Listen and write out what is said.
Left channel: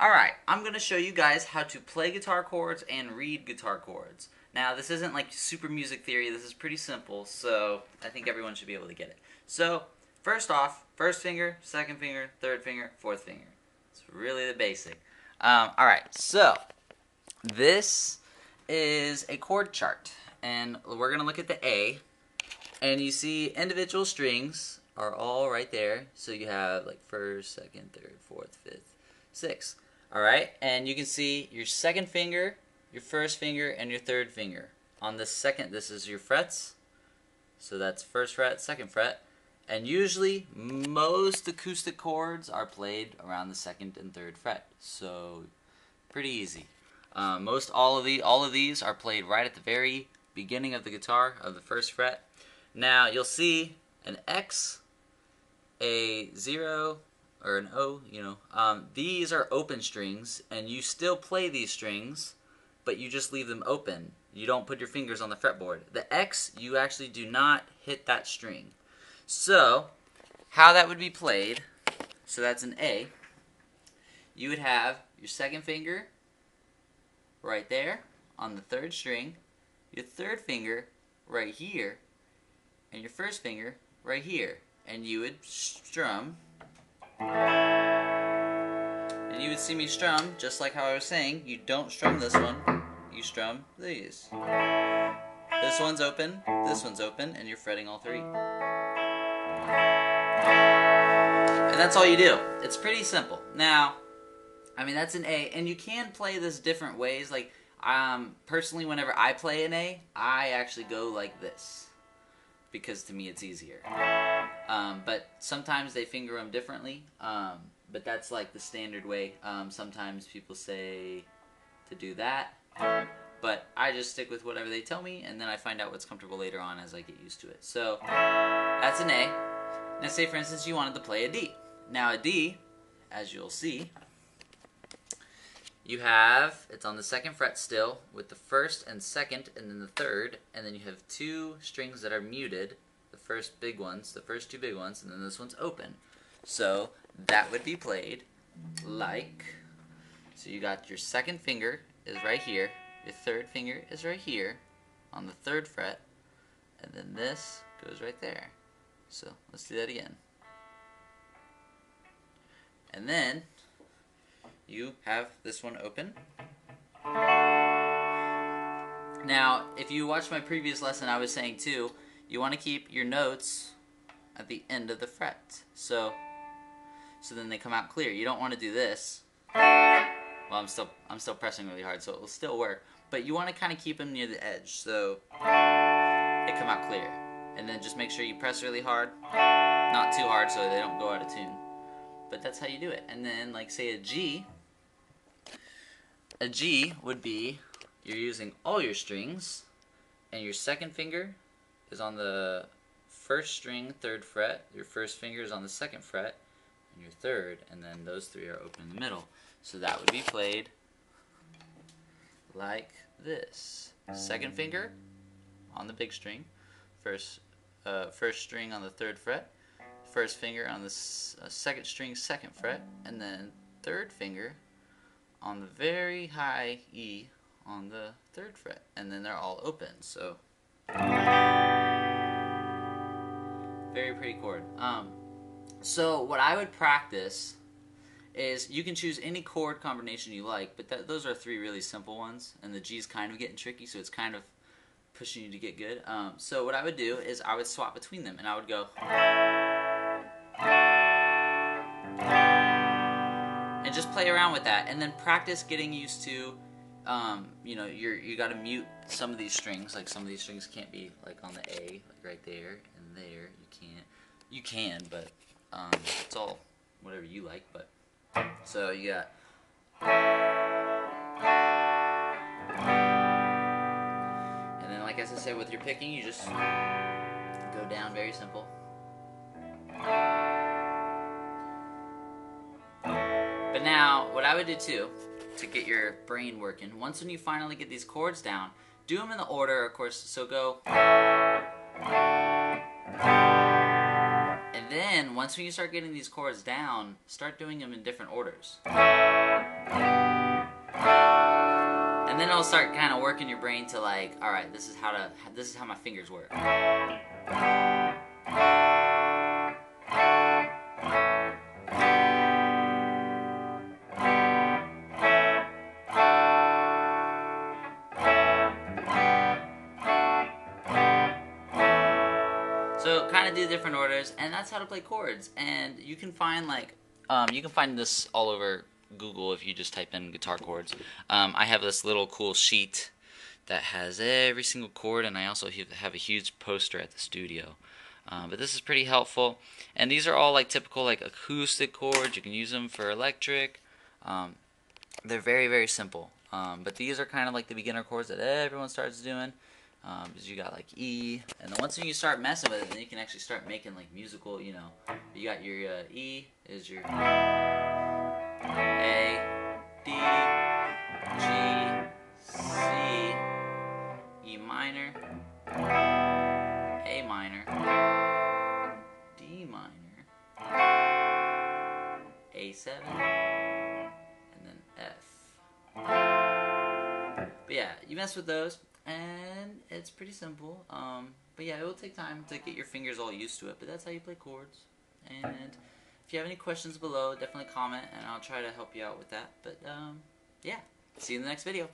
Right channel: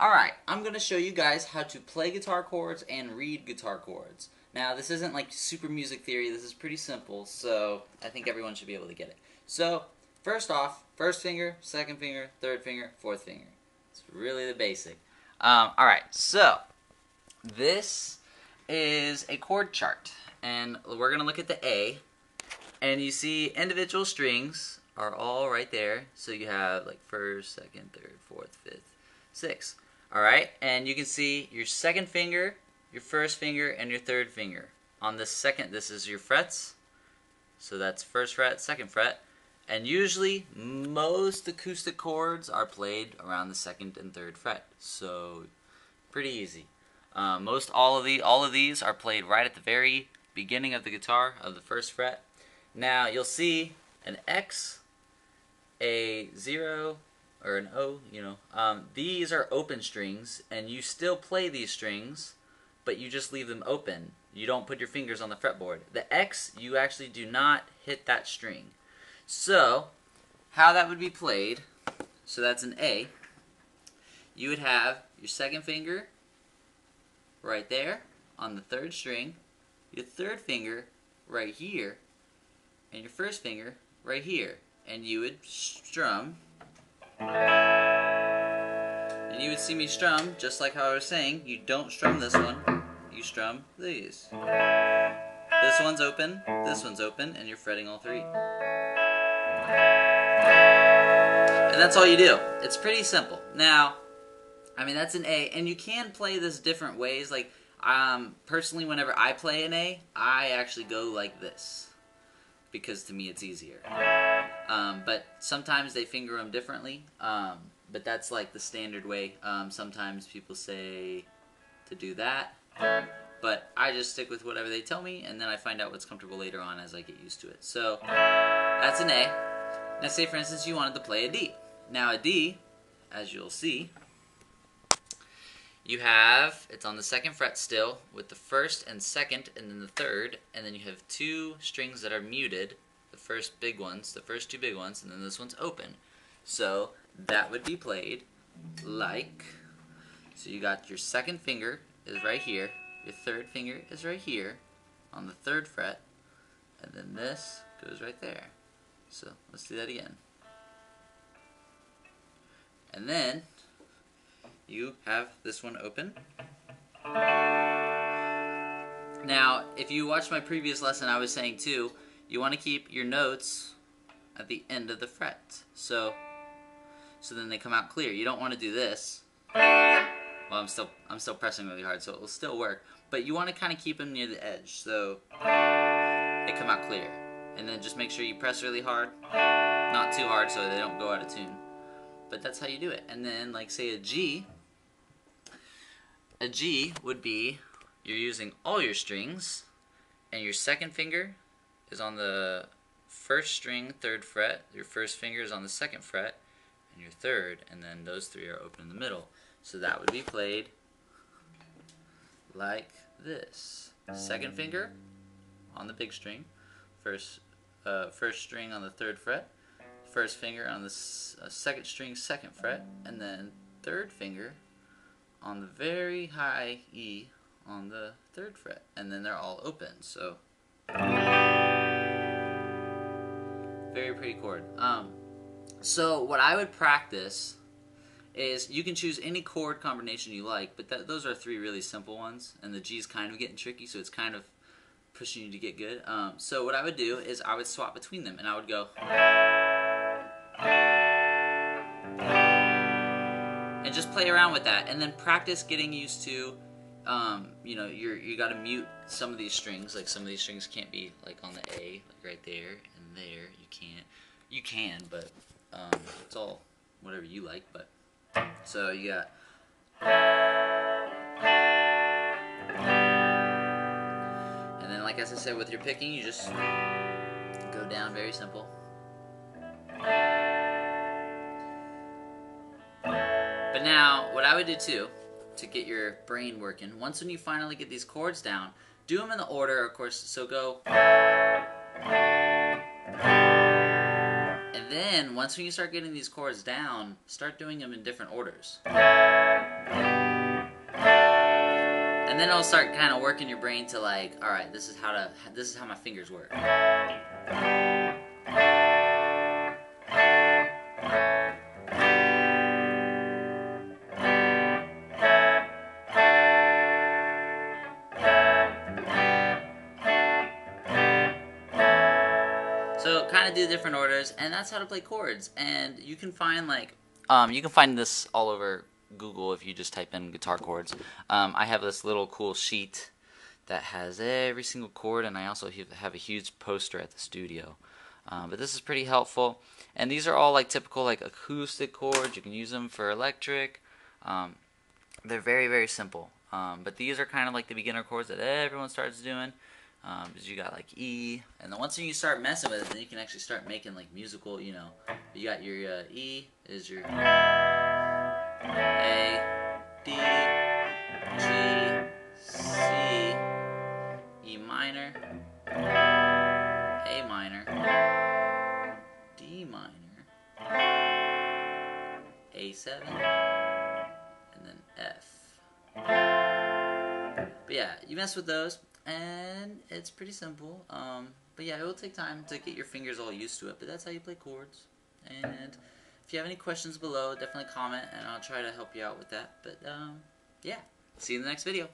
Alright, I'm going to show you guys how to play guitar chords and read guitar chords. Now, this isn't like super music theory, this is pretty simple, so I think everyone should be able to get it. So, first off, first finger, second finger, third finger, fourth finger. It's really the basic. Alright, so, this is a chord chart, and we're going to look at the A, and you see individual strings are all right there, so you have like first, second, third, fourth, fifth, sixth. Alright, and you can see your second finger, your first finger, and your third finger. On the second, this is your frets, so that's first fret, second fret, and usually most acoustic chords are played around the second and third fret, so pretty easy. All of these are played right at the very beginning of the guitar, of the first fret. Now you'll see an X, a 0, or an O, these are open strings, and you still play these strings, but you just leave them open. You don't put your fingers on the fretboard. The X, you actually do not hit that string. So, how that would be played, so that's an A, you would have your second finger right there on the third string, your third finger right here, and your first finger right here. And you would strum. And you would see me strum, just like how I was saying, you don't strum this one, you strum these. This one's open, and you're fretting all three. And that's all you do. It's pretty simple. Now, I mean, that's an A, and you can play this different ways. Like, personally, whenever I play an A, I actually go like this, because to me it's easier. But sometimes they finger them differently, but that's like the standard way. Sometimes people say to do that, but I just stick with whatever they tell me, and then I find out what's comfortable later on as I get used to it. So that's an A. Now say for instance you wanted to play a D. Now a D, as you'll see, you have, it's on the second fret still, with the first and second, and then the third, and then you have two strings that are muted. The first big ones, the first two big ones, and then this one's open. So that would be played like, so you got your second finger is right here, your third finger is right here on the third fret, and then this goes right there. So let's do that again. And then you have this one open. Now, if you watched my previous lesson, I was saying too, you want to keep your notes at the end of the fret. So then they come out clear. You don't want to do this. Well, I'm still pressing really hard, so it will still work. But you want to kind of keep them near the edge, so they come out clear. And then just make sure you press really hard, not too hard, so they don't go out of tune. But that's how you do it. And then, like, say a G would be, you're using all your strings, and your second finger is on the first string, third fret, your first finger is on the second fret, and your third, and then those three are open in the middle. So that would be played like this. Second finger on the big string, first string on the third fret, first finger on the second string, second fret, and then third finger on the very high E on the third fret, and then they're all open. So very pretty chord. So what I would practice is, you can choose any chord combination you like, but those are three really simple ones, and the G's kind of getting tricky, so it's kind of pushing you to get good. So what I would do is I would swap between them, and I would go, and just play around with that, and then practice getting used to, you got to mute some of these strings. Like, some of these strings can't be like on the A, like right there and there. You can, but it's all whatever you like. But so you got, and then, like as I said, with your picking, you just go down, very simple. But now, what I would do too, to get your brain working, once when you finally get these chords down, do them in the order, of course, so go. And then, once when you start getting these chords down, start doing them in different orders. And then it'll start kind of working your brain to like, all right, this is how my fingers work. So kind of do different orders, and that's how to play chords. And you can find like, you can find this all over Google if you just type in guitar chords. I have this little cool sheet that has every single chord, and I also have a huge poster at the studio. But this is pretty helpful, and these are all like typical like acoustic chords. You can use them for electric. They're very, very simple. But these are kind of like the beginner chords that everyone starts doing. Because you got like E, and then once you start messing with it, then you can actually start making like musical, you know. You got your E is your A, D, G, C, E minor, A minor, D minor, A7, and then F. But yeah, you mess with those, and it's pretty simple. But yeah, it will take time to get your fingers all used to it, but that's how you play chords. And if you have any questions below, definitely comment, and I'll try to help you out with that. But yeah, see you in the next video.